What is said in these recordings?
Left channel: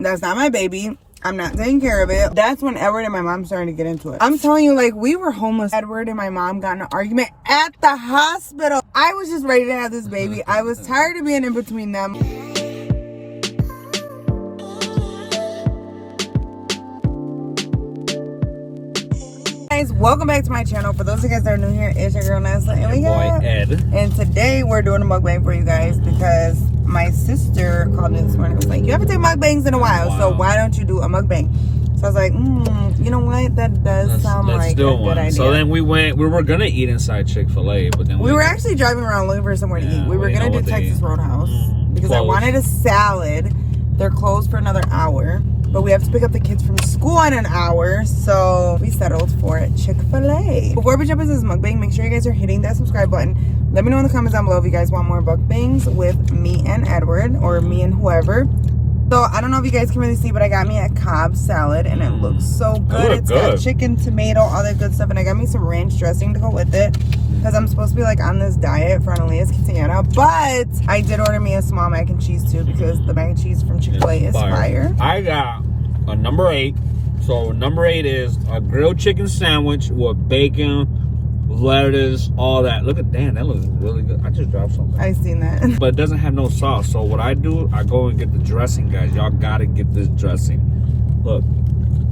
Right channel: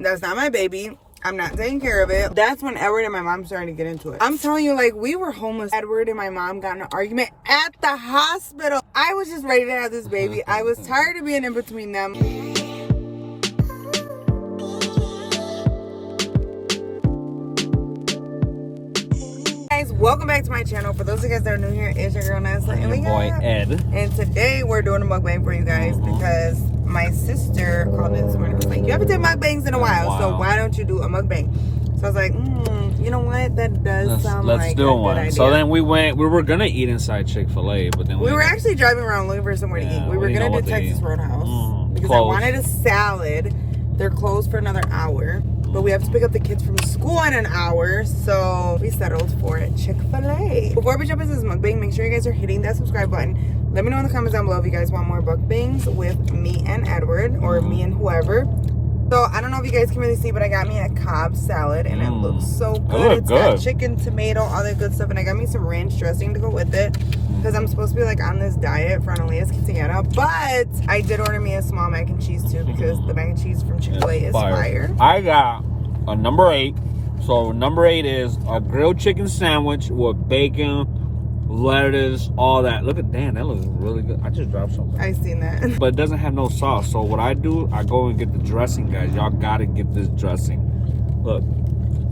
That's not my baby. I'm not taking care of it. That's when Edward and my mom started to get into it. I'm telling you, like, we were homeless. Edward and my mom got in an argument at the hospital. I was just ready to have this baby. I was tired of being in between them. Guys, welcome back to my channel. For those of you guys that are new here, it's your girl Nessa and we got Ed. And today we're doing a mukbang for you guys because my sister called in this morning and was like, you haven't taken mukbangs in a while, so why don't you do a mukbang? So I was like, you know what? That does sound like a good idea. So then we were gonna eat inside Chick-fil-A, but then we were actually driving around looking for somewhere to eat. We were gonna do Texas Roadhouse because I wanted a salad. They're closed for another hour, but we have to pick up the kids from school in an hour, so we settled for Chick-fil-A. Before we jump into this mukbang, make sure you guys are hitting that subscribe button. Let me know in the comments down below if you guys want more mukbangs with me and Edward, or me and whoever. So I don't know if you guys can really see, but I got me a Cobb salad and it looks so good. It's got chicken, tomato, all that good stuff, and I got me some ranch dressing to go with it because I'm supposed to be like on this diet for Analia's quinceañera. But I did order me a small mac and cheese too because the mac and cheese from Chick-fil-A is fire. I got a number 8. So number 8 is a grilled chicken sandwich with bacon, lettuce, all that. Look at that looks really good. I just dropped something. I seen that. But it doesn't have no sauce. So what I do, I go and get the dressing, guys. Y'all gotta get this dressing. Look,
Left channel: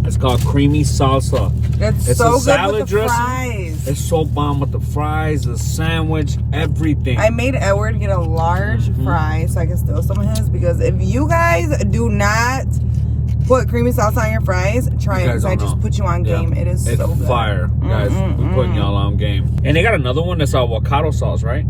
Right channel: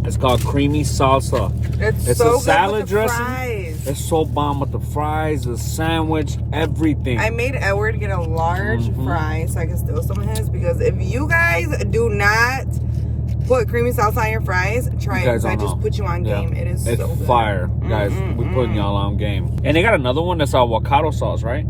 it's called creamy salsa. It's so a salad good with the dressing. Fries. It's so bomb with the fries, the sandwich, everything. I made Edward get a large fry so I can steal some of his, because if you guys do not put creamy salsa on your fries, try it, because I just put you on game. It is so good. It's fire, guys. We putting y'all on game. And they got another one that's avocado sauce, right?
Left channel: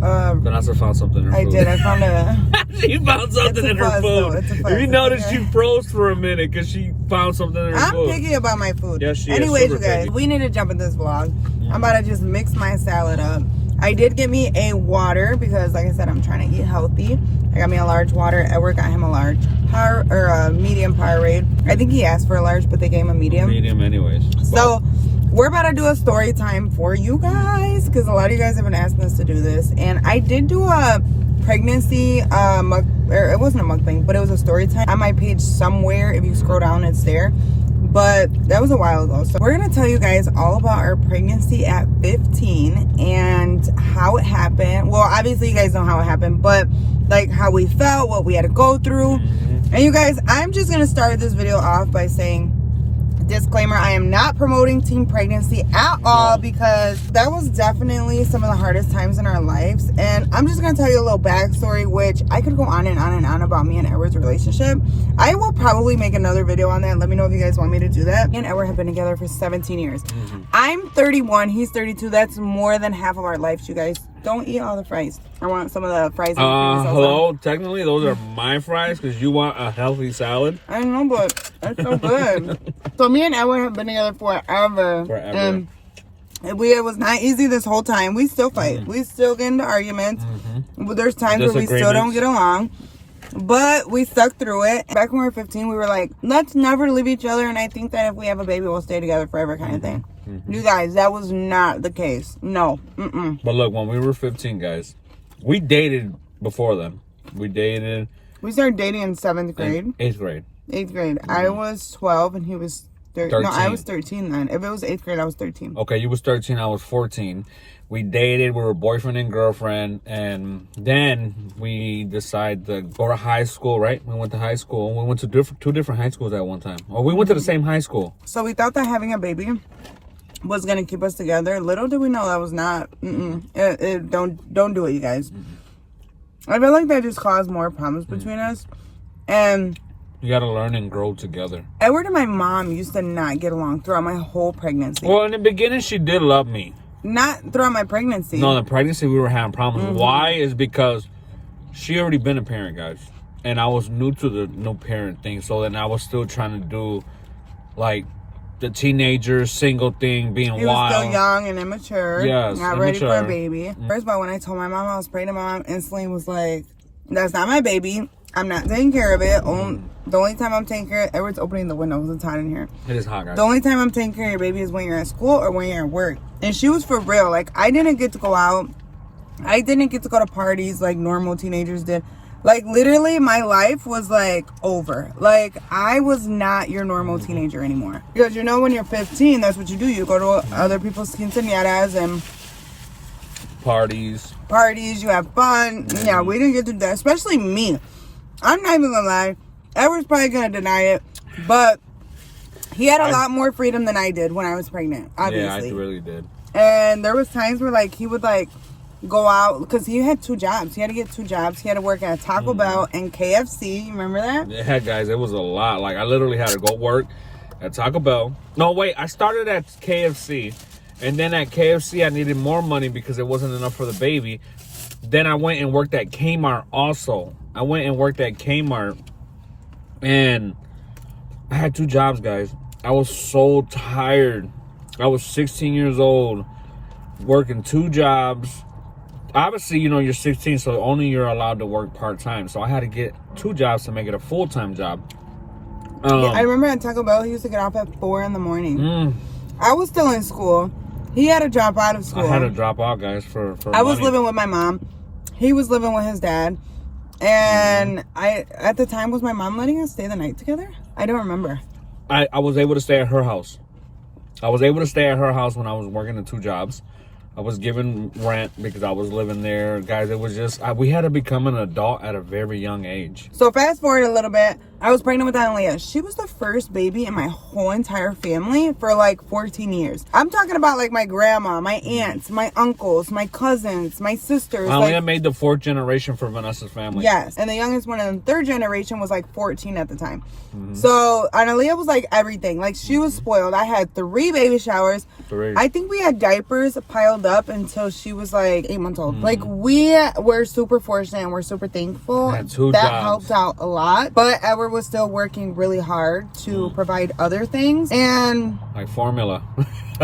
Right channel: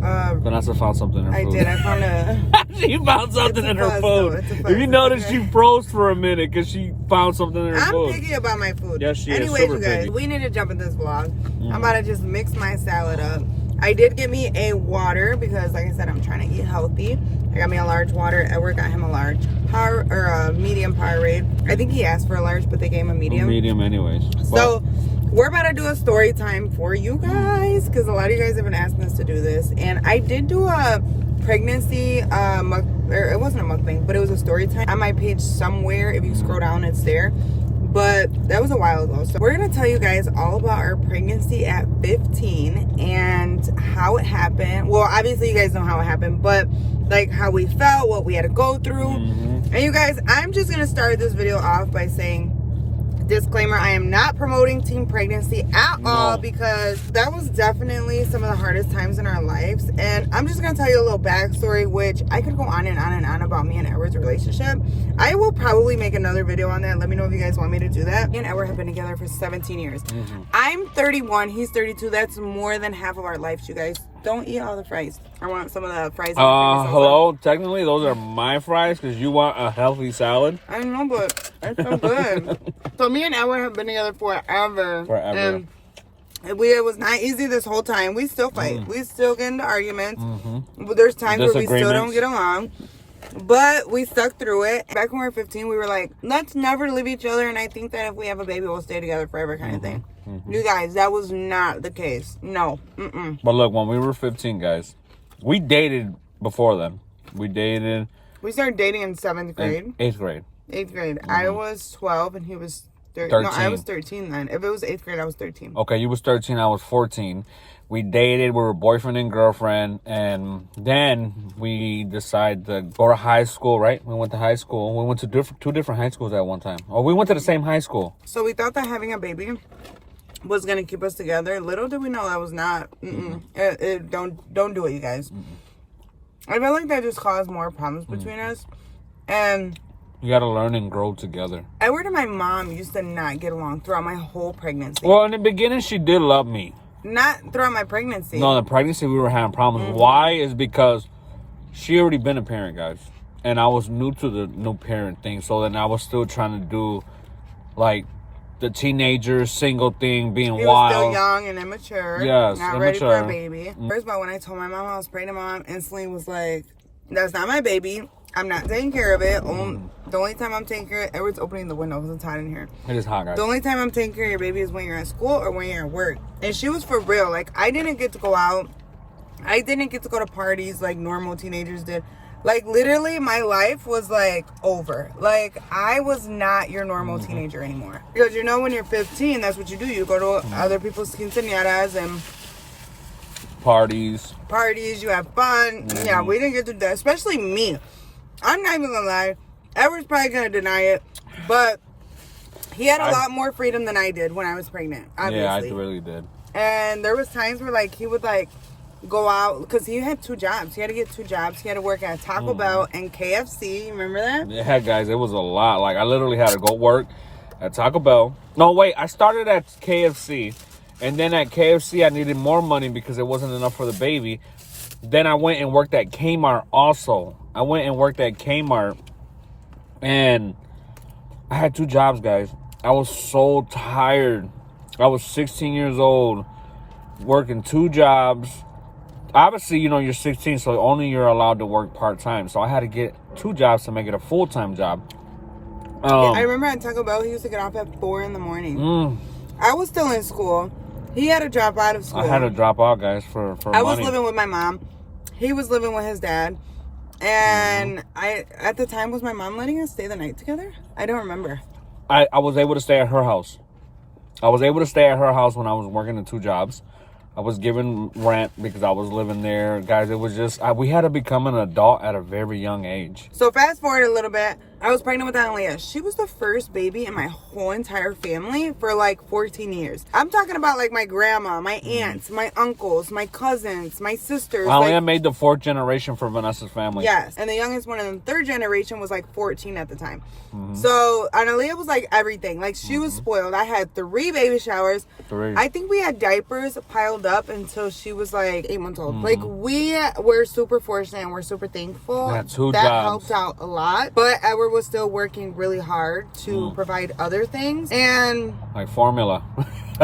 Vanessa found something in her food. I found a... She found something in her food. If you notice, she froze for a minute because she found something in her food. I'm picky about my food. Yes, she is. Anyways, you guys, we need to jump in this vlog. I'm about to just mix my salad up. I did get me a water because, like I said, I'm trying to eat healthy. I got me a large water. Edward got him a large a medium Powerade. I think he asked for a large, but they gave him a medium. Medium, anyways. So we're about to do a story time for you guys because a lot of you guys have been asking us to do this, and I did do a pregnancy it wasn't a mukbang, but it was a story time on my page somewhere. If you scroll down, it's there. But that was a while ago. So we're going to tell you guys all about our pregnancy at 15 and how it happened. Well, obviously you guys know how it happened, but like how we felt, what we had to go through. And you guys, I'm just going to start this video off by saying, disclaimer, I am not promoting teen pregnancy at all, because that was definitely some of the hardest times in our lives. And I'm just going to tell you a little backstory, which I could go on and on and on about me and Edward's relationship. I will probably make another video on that. Let me know if you guys want me to do that. Me and Edward have been together for 17 years. I'm 31. He's 32. That's more than half of our lives, you guys. Don't eat all the fries. I want some of the fries. Hello? Technically, those are my fries because you want a healthy salad. I know, but it's so good. So me and Edward have been together forever. And it was not easy this whole time. We still fight. We still get into arguments. But there's times where we still don't get along. But we stuck through it. Back when we were 15, we were like, let's never leave each other. And I think that if we have a baby, we'll stay together forever kind of thing. You guys, that was not the case. No. But look, when we were 15, guys, we dated before then. We started dating in 7th grade. 8th grade. 8th grade. I was 12 and he was 13. No, I was 13 then. If it was 8th grade, I was 13. Okay, you was 13, I was 14. We dated, we were boyfriend and girlfriend, and then we decided to go to high school, right? We went to high school. We went to two different high schools at one time. Or we went to the same high school. So we thought that having a baby was going to keep us together. Little did we know that was not. Don't do it, you guys. I feel like that just caused more problems between us. And you got to learn and grow together. Edward and my mom used to not get along throughout my whole pregnancy. Well, in the beginning, she did love me. Not throughout my pregnancy. No, the pregnancy we were having problems. Why? Is because she already been a parent, guys. And I was new to the new parent thing. So then I was still trying to do, like, the teenager single thing, being wild. He was still young and immature. Yes, not ready for a baby. First of all, when I told my mom I was pregnant, my mom instantly was like, that's not my baby. I'm not taking care of it. The only time I'm taking care of it, Edward's opening the window because it's hot in here. It is hot, guys. The only time I'm taking care of your baby is when you're at school or when you're at work. And she was for real. Like, I didn't get to go out. I didn't get to go to parties like normal teenagers did. Like, literally, my life was, like, over. Like, I was not your normal teenager anymore. Because, you know, when you're 15, that's what you do. You go to other people's quinceañeras and... Parties, you have fun. Yeah, we didn't get to do that. Especially me. I'm not even gonna lie. Edward's probably gonna deny it. But he had a lot more freedom than I did when I was pregnant, obviously. Yeah, I really did. And there was times where, like, he would, like... go out because he had 2 jobs. He had to get 2 jobs. He had to work at Taco Bell and KFC. You remember that? Yeah, guys, it was a lot. Like, I literally had to go work at Taco Bell. No, wait, I started at KFC, and then at KFC I needed more money because it wasn't enough for the baby. Then I went and worked at Kmart also. And I had 2 jobs, guys. I was so tired. I was 16 years old, working 2 jobs. Obviously, you know, you're 16, so only you're allowed to work part-time. So I had to get 2 jobs to make it a full-time job. Yeah, I remember at Taco Bell, he used to get off at 4 in the morning. I was still in school. He had to drop out of school. I had to drop out, guys, for I was living with my mom. He was living with his dad. And at the time, was my mom letting us stay the night together? I don't remember. I was able to stay at her house. I was able to stay at her house when I was working the 2 jobs. I was given rent because I was living there. Guys, it was just, we had to become an adult at a very young age. So fast forward a little bit. I was pregnant with Analia. She was the first baby in my whole entire family for like 14 years. I'm talking about like my grandma, my aunts, my uncles, my cousins, my sisters. Analia made the 4th generation for Vanessa's family. Yes. And the youngest one in the 3rd generation was like 14 at the time. So Analia was like everything. Like she was spoiled. I had 3 baby showers. 3. I think we had diapers piled up until she was like 8 months old. Like we were super fortunate and we're super thankful. Yeah, 2 that jobs. helped out a lot. But Edward was still working really hard to provide other things. And like formula.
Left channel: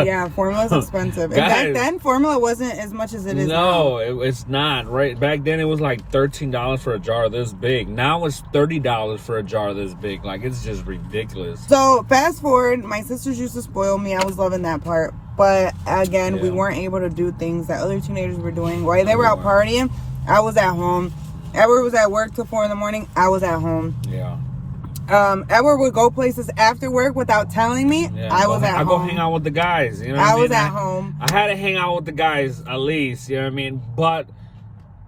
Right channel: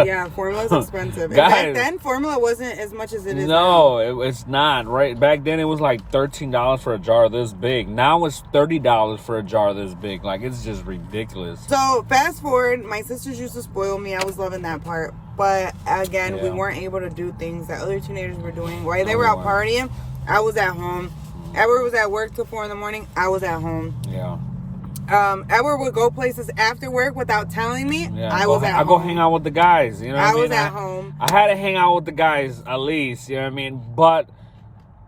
yeah, formula's expensive. And back then, formula wasn't as much as it is now. No, it's not. Right back then, it was like $13 for a jar this big. Now it's $30 for a jar this big. Like, it's just ridiculous. So fast forward, my sisters used to spoil me. I was loving that part. But again, we weren't able to do things that other teenagers were doing. While they were out partying, I was at home. Edward was at work till 4 in the morning. I was at home. Yeah. Edward would go places after work without telling me. Yeah, I was at home. I go hang out with the guys. You know, I was at home. I had to hang out with the guys at least. You know what I mean? But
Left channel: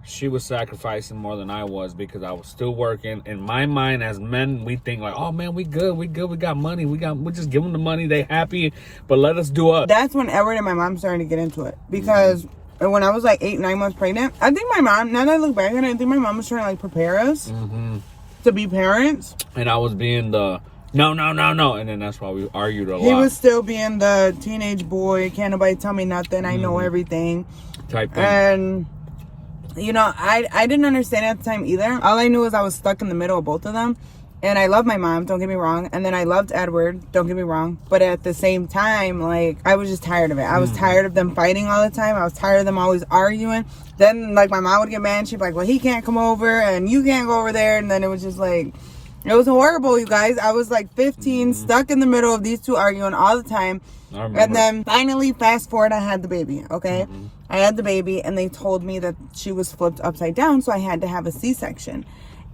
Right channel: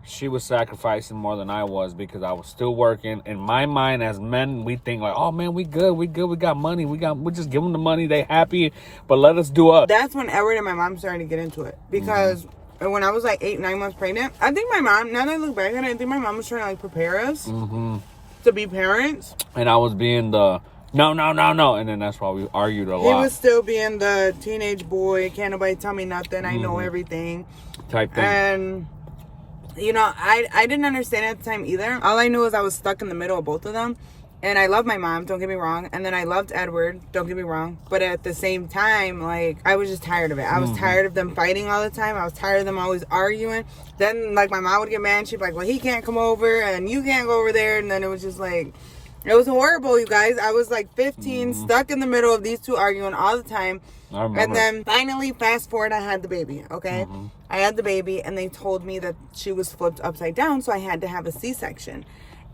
she was sacrificing more than I was because I was still working. In my mind, as men, we think like, "Oh man, we good, we got money, we just give them the money, they happy, but let us do us." That's when Edward and my mom started to get into it because when I was like 8, 9 months pregnant, I think my mom. Now that I look back on it, I think my mom was trying to like prepare us to be parents. And I was being the no, and then that's why we argued a lot. He was still being the teenage boy. Can't nobody tell me nothing. I know everything. Type thing. And you know, I didn't understand at the time either. All I knew was I was stuck in the middle of both of them. And I love my mom, don't get me wrong. And then I loved Edward, don't get me wrong. But at the same time, like, I was just tired of it. I was tired of them fighting all the time. I was tired of them always arguing. Then, like, my mom would get mad. She'd be like, well, he can't come over and you can't go over there. And then it was just like, it was horrible, you guys. I was like 15, stuck in the middle of these two arguing all the time. And then finally, fast forward, I had the baby, okay? I had the baby and they told me that she was flipped upside down. So I had to have a C-section.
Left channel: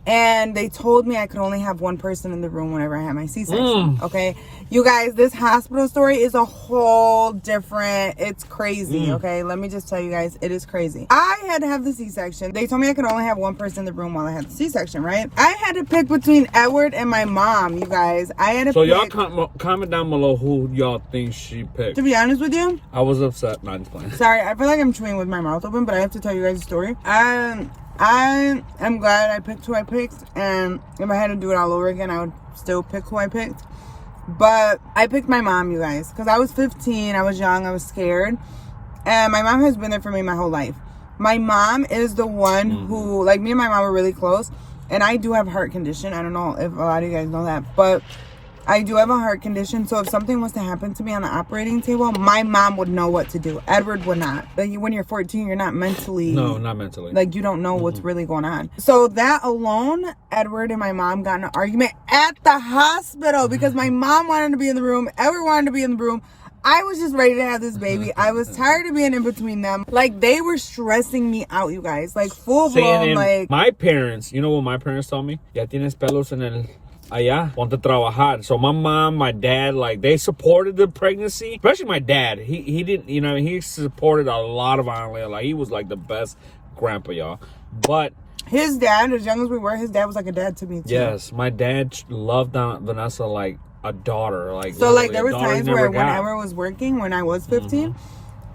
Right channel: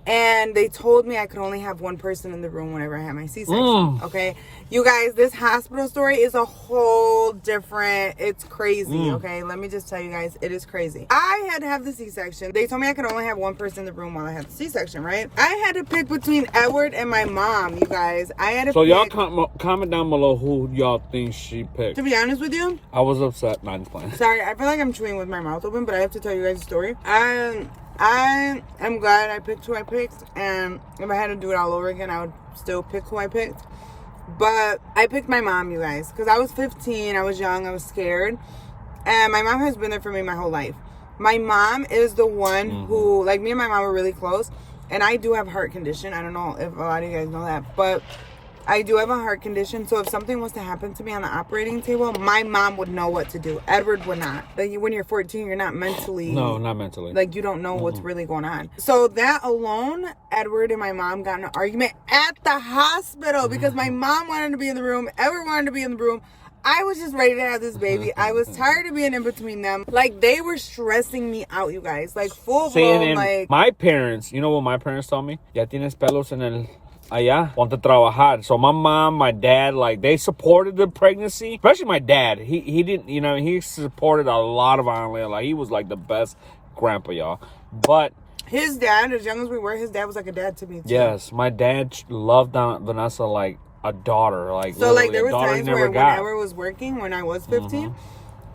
And they told me I could only have one person in the room whenever I had my C-section, okay? You guys, this hospital story is a whole different, it's crazy, okay? Let me just tell you guys, it is crazy. I had to have the C-section. They told me I could only have one person in the room while I had the C-section, right? I had to pick between Edward and my mom, you guys. I had to so pick. y'all comment down below who y'all think she picked. To be honest with you, I was upset. Not just playing. Sorry, I feel like I'm chewing with my mouth open, but I have to tell you guys a story. I am glad I picked who I picked, and if I had to do it all over again, I would still pick who I picked. But I picked my mom, you guys, because I was 15, I was young, I was scared, and my mom has been there for me my whole life. My mom is the one who, like, me and my mom were really close, and I do have a heart condition. I don't know if a lot of you guys know that, but I do have a heart condition, so if something was to happen to me on the operating table, my mom would know what to do. Edward would not. Like, when you're 14, you're not mentally... No, not mentally. Like, you don't know what's really going on. So that alone, Edward and my mom got in an argument at the hospital because my mom wanted to be in the room, Edward wanted to be in the room. I was just ready to have this baby. I was tired of being in between them. Like, they were stressing me out, you guys. Like, full blown, like... My parents, you know what my parents told me? Ya tienes pelos en el... allá, ponte a trabajar. So my mom, my dad, like, they supported the pregnancy. Especially my dad. He didn't, you know, he supported a lot of Analia. Like, he was like the best grandpa, y'all. But his dad, as young as we were, his dad was like a dad to me too. Yes, my dad loved Vanessa like a daughter. Like, so like there was times where whenever I was working, when I was 15,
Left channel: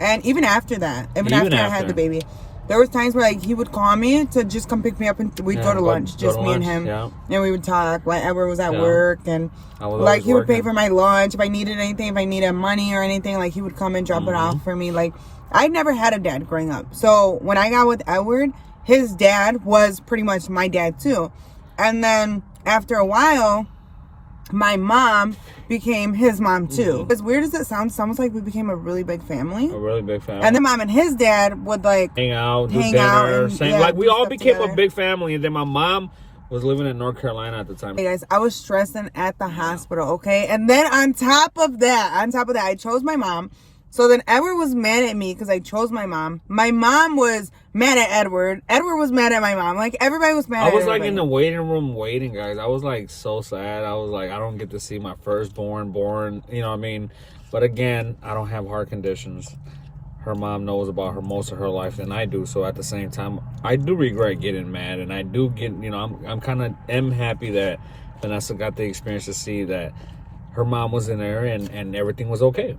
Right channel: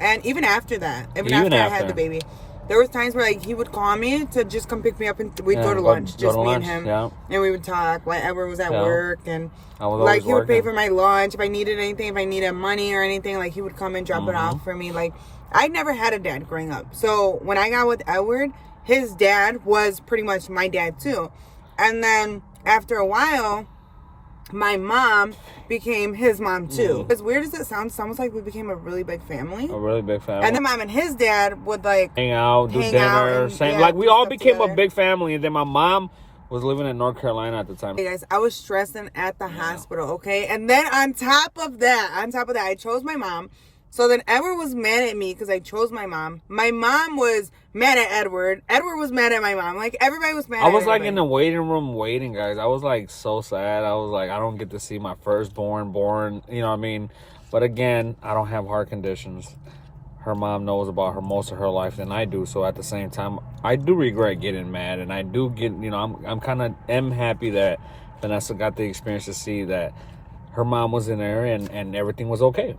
and even after that, even after I had the baby, there was times where like he would call me to just come pick me up, and we'd go to lunch, just me and him, and we would talk whenever was at work, and like he would pay for my lunch if I needed anything, if I needed money or anything, like he would come and drop it off for me. Like, I never had a dad growing up, so when I got with Edward, his dad was pretty much my dad too. And then after a while, my mom became his mom too. As weird as it sounds, it's almost like we became a really big family. A really big family. And then mom and his dad would like hang out, do dinner, like we all became together. A big family. And then my mom was living in North Carolina at the time. Hey guys, I was stressing at the hospital, okay? And then on top of that, I chose my mom. So then Edward was mad at me because I chose my mom. My mom was mad at Edward. Edward was mad at my mom. Like, everybody was mad at everybody. I was like in the waiting room waiting, guys. I was like so sad. I was like, I don't get to see my firstborn born, you know what I mean? But again, I don't have heart conditions. Her mom knows about her most of her life than I do. So at the same time, I do regret getting mad. And I do get, you know, I'm kind of happy that Vanessa got the experience to see that her mom was in there and everything was okay.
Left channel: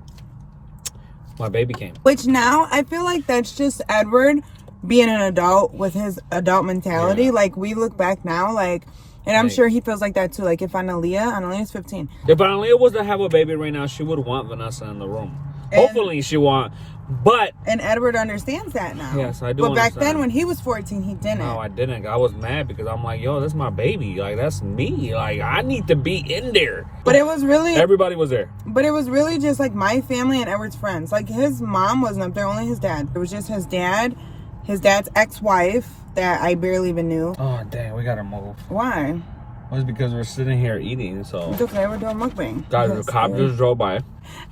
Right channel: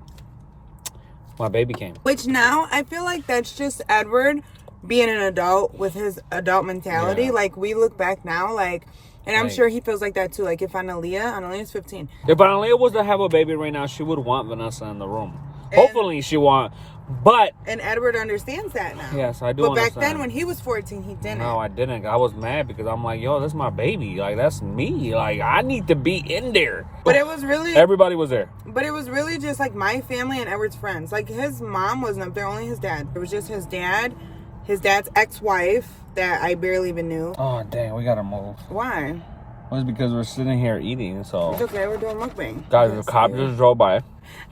My baby came. Which now I feel like that's just Edward being an adult with his adult mentality. Yeah. Like, we look back now, like, and I'm sure he feels like that too. Like, if Analia's 15. If Analia was to have a baby right now, she would want Vanessa in the room. Hopefully she want, but... And Edward understands that now. Yes, I do. But back then when he was 14, he didn't. No, I didn't. I was mad because I'm like, yo, that's my baby. Like, that's me. Like, I need to be in there. But it was really... Everybody was there. But it was really just like my family and Edward's friends. Like, his mom wasn't up there, only his dad. It was just his dad, his dad's ex-wife that I barely even knew. Oh, dang, we gotta move. Why? Well, it's because we're sitting here eating, so... It's okay, we're doing mukbang. Guys, the cop just drove by.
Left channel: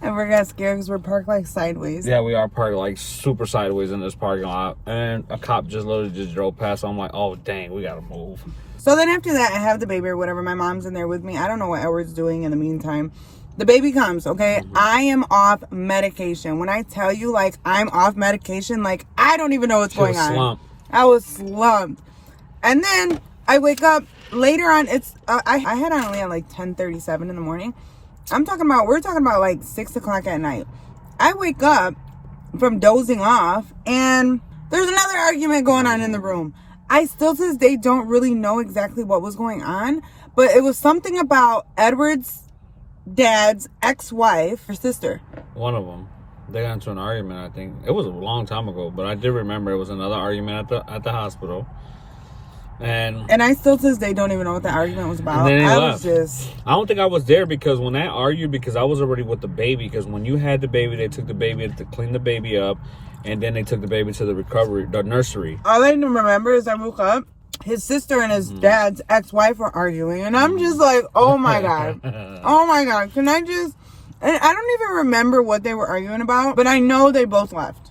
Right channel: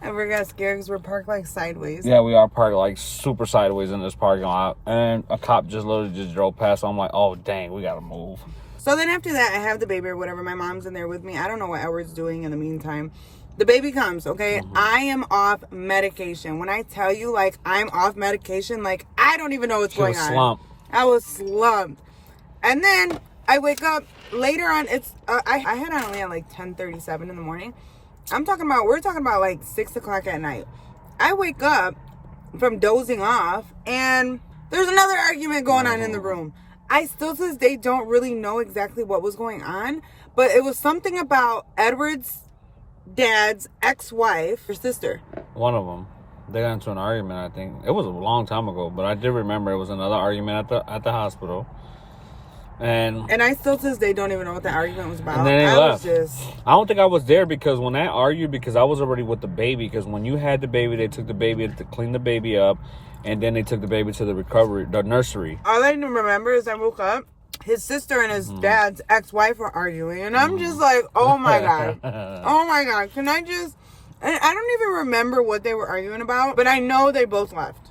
And we got scared because we're parked like sideways. Yeah, we are parked like super sideways in this parking lot. And a cop just literally just drove past. So I'm like, oh, dang, we gotta move. So then after that, I have the baby or whatever. My mom's in there with me. I don't know what Edward's doing in the meantime. The baby comes, okay? I am off medication. When I tell you, like, I'm off medication, like, I don't even know what's going on. I was slumped. And then I wake up later on. It's I had Analia at like 10:37 in the morning. We're talking about like 6 o'clock at night. I wake up from dozing off and there's another argument going on in the room. I still to this day don't really know exactly what was going on, but it was something about Edward's dad's ex-wife, her sister. One of them. They got into an argument, I think. It was a long time ago, but I did remember it was another argument at the hospital. And I still to this day don't even know what the argument was about. I don't think I was there because when I argued, because I was already with the baby, because when you had the baby, they took the baby to clean the baby up, and then they took the baby to the nursery. All I remember is I woke up, his sister and his dad's ex-wife were arguing, and I'm just like, oh my God. Oh my God. Can I just... And I don't even remember what they were arguing about, but I know they both left.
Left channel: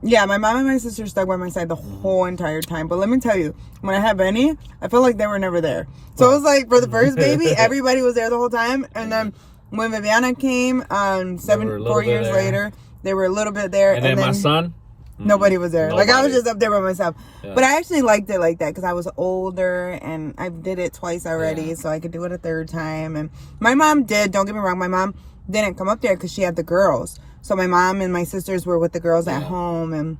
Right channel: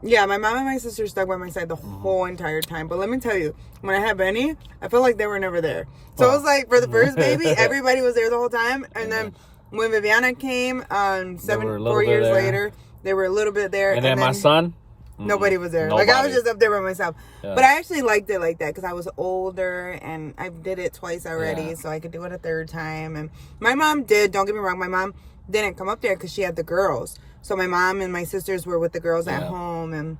Yeah, my mom and my sister stuck by my side the whole entire time. But let me tell you, when I had Benny, I felt like they were never there. So it was like, for the first baby, everybody was there the whole time. And then when Viviana came, 4 years later, they were a little bit there. And then my son? Nobody was there. Nobody. Like, I was just up there by myself. Yeah. But I actually liked it like that because I was older and I did it twice already. So I could do it a third time. And my mom did, don't get me wrong, my mom didn't come up there because she had the girls. So my mom and my sisters were with the girls at home and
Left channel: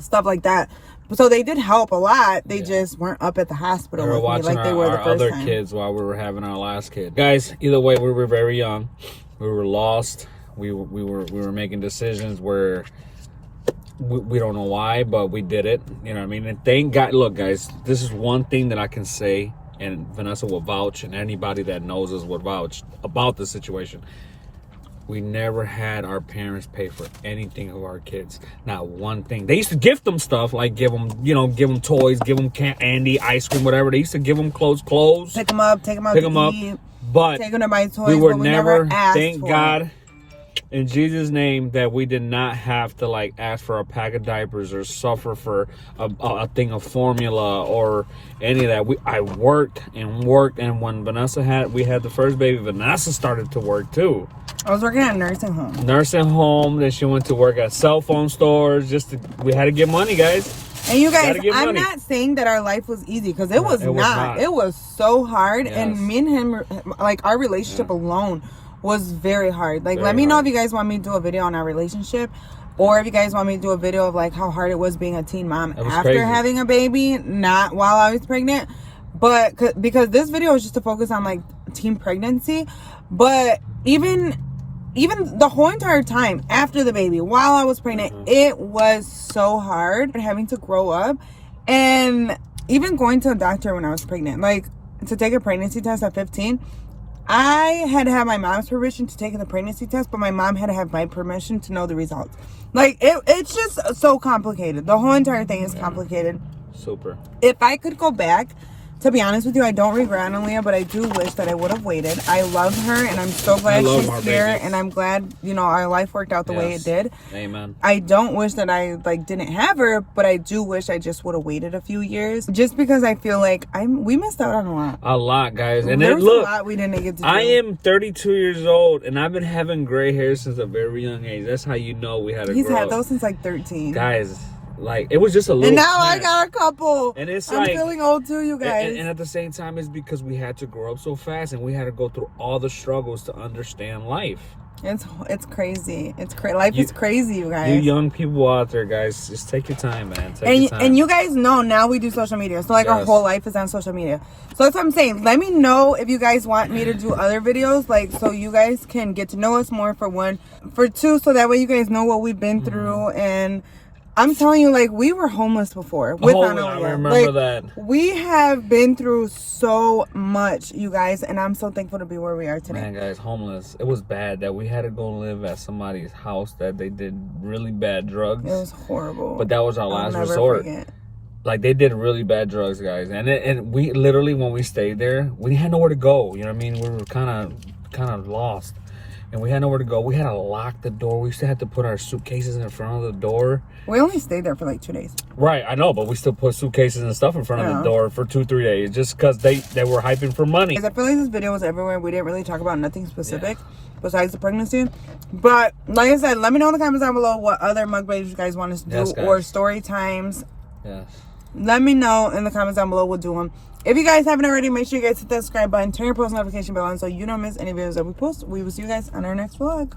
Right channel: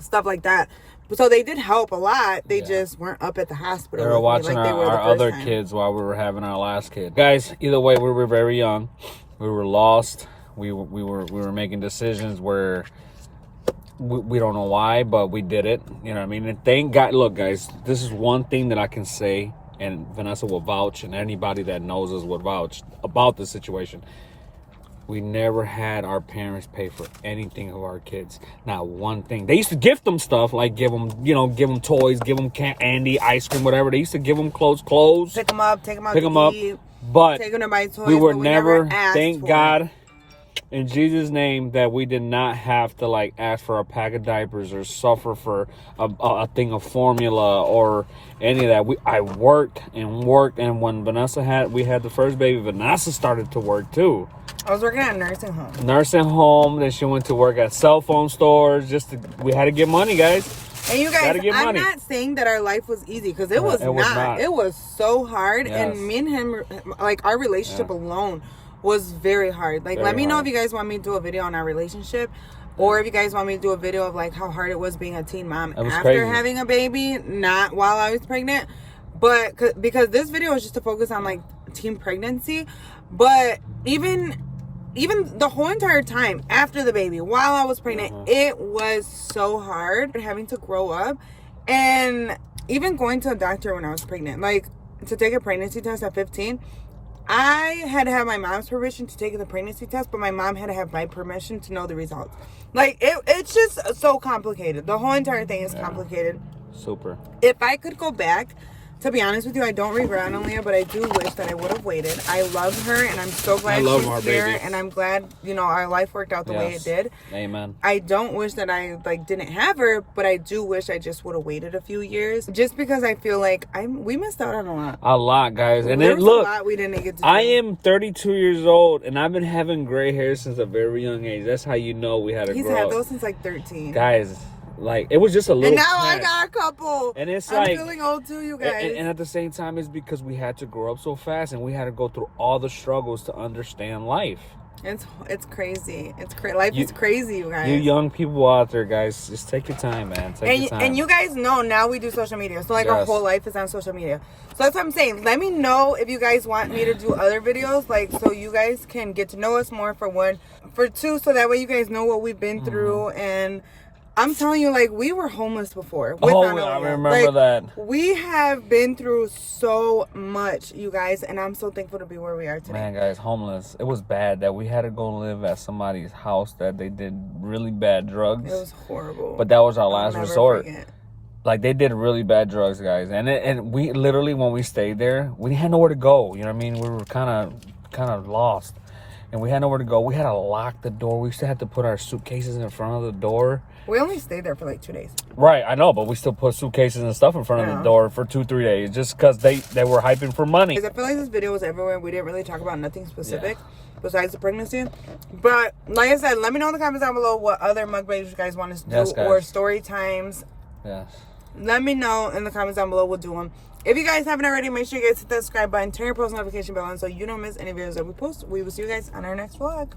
stuff like that. So they did help a lot. They just weren't up at the hospital. They were watching our other kids while we were having our last kid. Guys, either way, we were very young. We were lost. We were making decisions where we don't know why, but we did it. You know what I mean? And thank God. Look, guys, this is one thing that I can say, and Vanessa will vouch, and anybody that knows us would vouch about the situation. We never had our parents pay for anything of our kids. Not one thing. They used to gift them stuff, like give them toys, give them candy, ice cream, whatever. They used to give them clothes. Pick them up to eat. But take them to buy toys. we were never asked thank for God, it. in Jesus' name that we did not have to like ask for a pack of diapers or suffer for a thing of formula or any of that. I worked, and when we had the first baby, Vanessa started to work too. I was working at a nursing home. Then she went to work at cell phone stores. We had to get money, guys. And you guys, I'm not saying that our life was easy, because it was not. It was so hard. Yes. And me and him, like, our relationship alone was very hard. Like, let me know if you guys want me to do a video on our relationship, or if you guys want me to do a video of like how hard it was being a teen mom after having a baby, not while I was pregnant. But because this video is just to focus on like teen pregnancy, but even the whole entire time after the baby, while I was pregnant, it was so hard having to grow up, and even going to a doctor when I was pregnant, like to take a pregnancy test at 15. I had to have my mom's permission to take the pregnancy test, but my mom had to have my permission to know the results. Like, it's just so complicated. The whole entire thing is complicated. Super. If I could go back, to be honest with you, I don't regret Aaliyah, but I do wish that I would have waited. I love her, and I'm so glad she's here, and I'm glad, our life worked out the way it did. Amen. I don't wish that I, didn't have her, but I do wish I just would have waited a few years, just because I feel like we missed out on a lot. A lot, guys. And there was a lot we didn't get to do. I am 32 years old, and I've been having gray hair since a very young age. That's how you know we had a He's had those since, 13. Guys, like, it was just a little. And now I got a couple. And it's I'm feeling old too, you guys. And at the same time, it's because we had to grow up so fast, and we had to go through all the struggles to understand life. It's crazy. Life is crazy, you guys. You young people out there, guys, just take your time, man. Take your time. And you guys know now we do social media. So our whole life is on social media. So that's what I'm saying. Let me know if you guys want me to do other videos, so you guys can get to know us more, for one. For two, so that way you guys know what we've been through. And I'm telling you, we were homeless before with Aaliyah. I remember that. We have been through so much, you guys, and I'm so thankful to be where we are today. Man, guys, homeless. It was bad that we had to go live at somebody's house that they did really bad drugs. It was horrible. But that was our last resort. Forget. Like, they did really bad drugs, guys. And we literally, when we stayed there, we had nowhere to go. You know what I mean? We were kind of lost. And we had nowhere to go. We had to lock the door. We still had to put our suitcases in front of the door. We only stayed there for 2 days. Right, I know, but we still put suitcases and stuff in front of the door for 2-3 days, just because they were hyping for money. I feel like this video was everywhere. We didn't really talk about nothing specific besides the pregnancy. But like I said, let me know in the comments down below what other mukbangs you guys want us to do, or story times. Yes. Let me know in the comments down below. We'll do them. If you guys haven't already, make sure you guys hit that subscribe button, turn your post notification bell on so you don't miss any videos that we post. We will see you guys on our next vlog.